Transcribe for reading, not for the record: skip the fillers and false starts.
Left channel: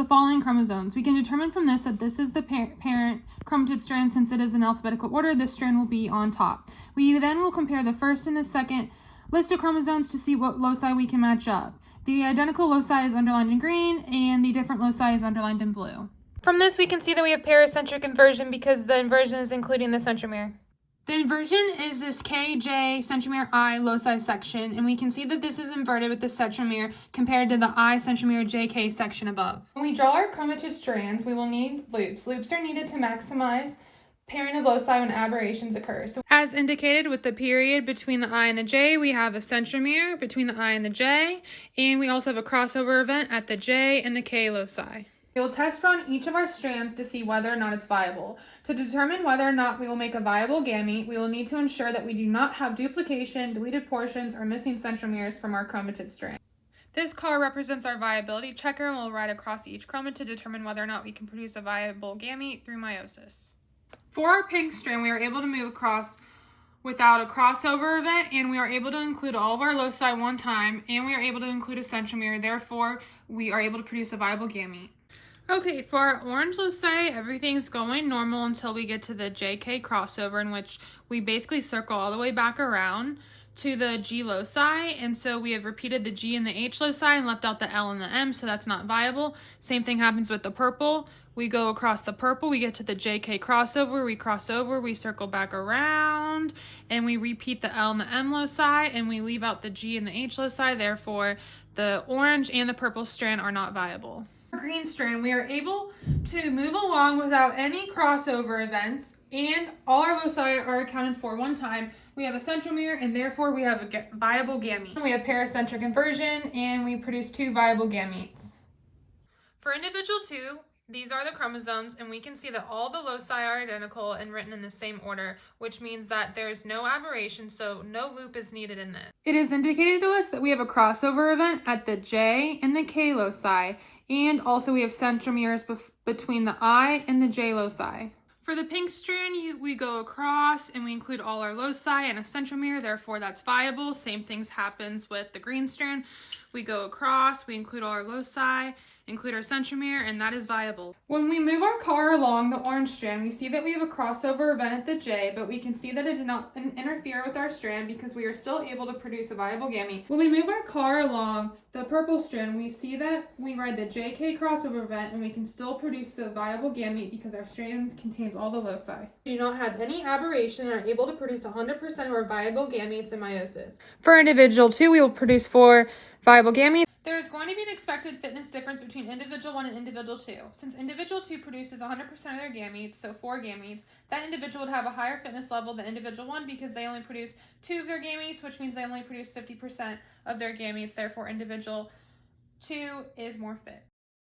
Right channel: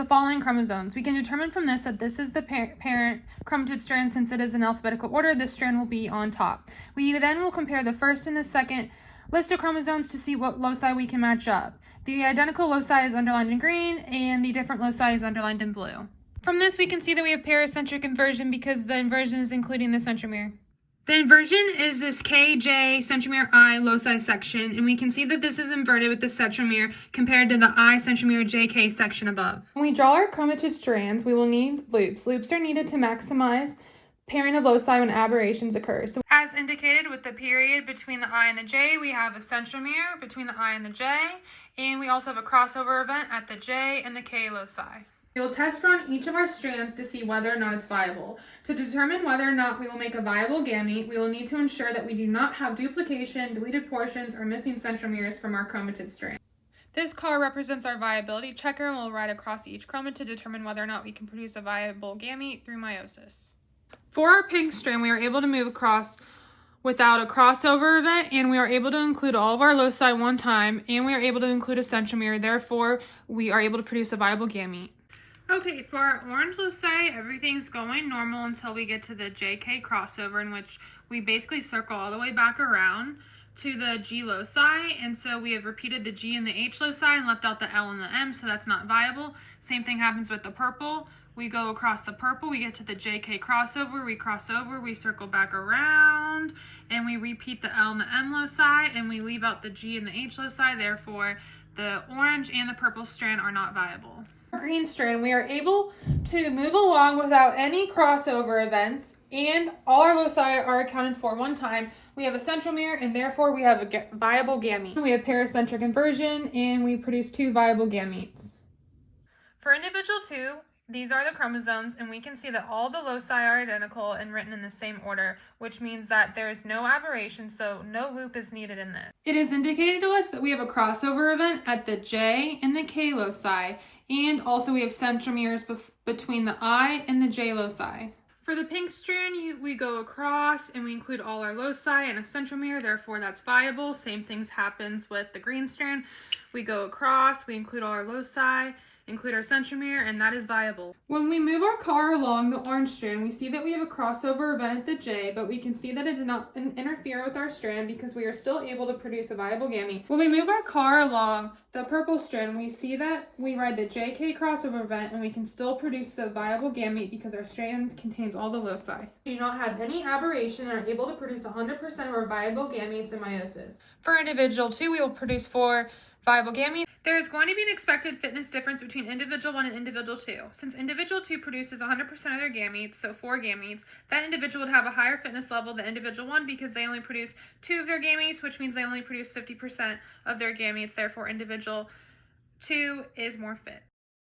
the following chromosomes. We can determine from this that this is the parent chromatid strand. Since it is in alphabetical order, this strand will be on top. We then will compare the first and the second list of chromosomes to see what loci we can match up. The identical loci is underlined in green, and the different loci is underlined in blue. From this, we can see that we have pericentric inversion because the inversion is including the centromere. The inversion is this KJ centromere I loci section, and we can see that this is inverted with the centromere compared to the I centromere JK section above. When we draw our chromatid strands, we will need loops. Loops are needed to maximize pairing of loci when aberrations occur. So as indicated with the period between the I and the J, we have a centromere between the I and the J, and we also have a crossover event at the J and the K loci. We will test run each of our strands to see whether or not it's viable. To determine whether or not we will make a viable gamete, we will need to ensure that we do not have duplication, deleted portions, or missing centromeres from our chromatid strand. This car represents our viability checker and will ride across each chromate to determine whether or not we can produce a viable gamete through meiosis. For our pink strand, we are able to move across without a crossover event, and we are able to include all of our loci one time, and we are able to include a centromere. Therefore, we are able to produce a viable gamete. Okay, for our orange loci, everything's going normal until we get to the JK crossover, in which we basically circle all the way back around to the G loci, and so we have repeated the G and the H loci and left out the L and the M, so that's not viable. Same thing happens with the purple. We go across the purple, we get to the JK crossover, we cross over, we circle back around, and we repeat the L and the M loci, and we leave out the G and the H loci. Therefore, the orange and the purple strand are not viable. Green strand, we are able to move along without any crossover events, and all our loci are accounted for one time. We have a centromere, and therefore we have a viable gamete. We have pericentric inversion, and we produce 2 viable gametes. For individual 2, these are the chromosomes, and we can see that all the loci are identical and written in the same order, which means that there is no aberration, so no loop is needed in this. It is indicated to us that we have a crossover event at the J and the K loci, and also we have centromeres between the I and the J loci. For the pink strand, we go across and we include all our loci and a centromere, therefore that's viable. Same things happens with the green strand. We go across, we include all our loci, include our centromere, and that is viable. When we move our car along the orange strand, we see that we have a crossover event at the J, but we can see that it did not interfere with our strand because we are still able to produce a viable gamete. When we move our car along the purple strand, we see that we ride the JK crossover event and we can still produce the viable gamete because our strand contains all the loci. We do not have any aberration and are able to produce 100% of our viable gametes in meiosis. For individual 2, we will produce 4 viable gametes. There is going to be an expected fitness difference between individual 1 and individual 2. Since individual 2 produces 100% of their gametes, so 4 gametes, that individual would have a higher fitness level than individual 1 because they only produce 2 of their gametes, which means they only produce 50% of their gametes. Therefore, individual 2 is more fit.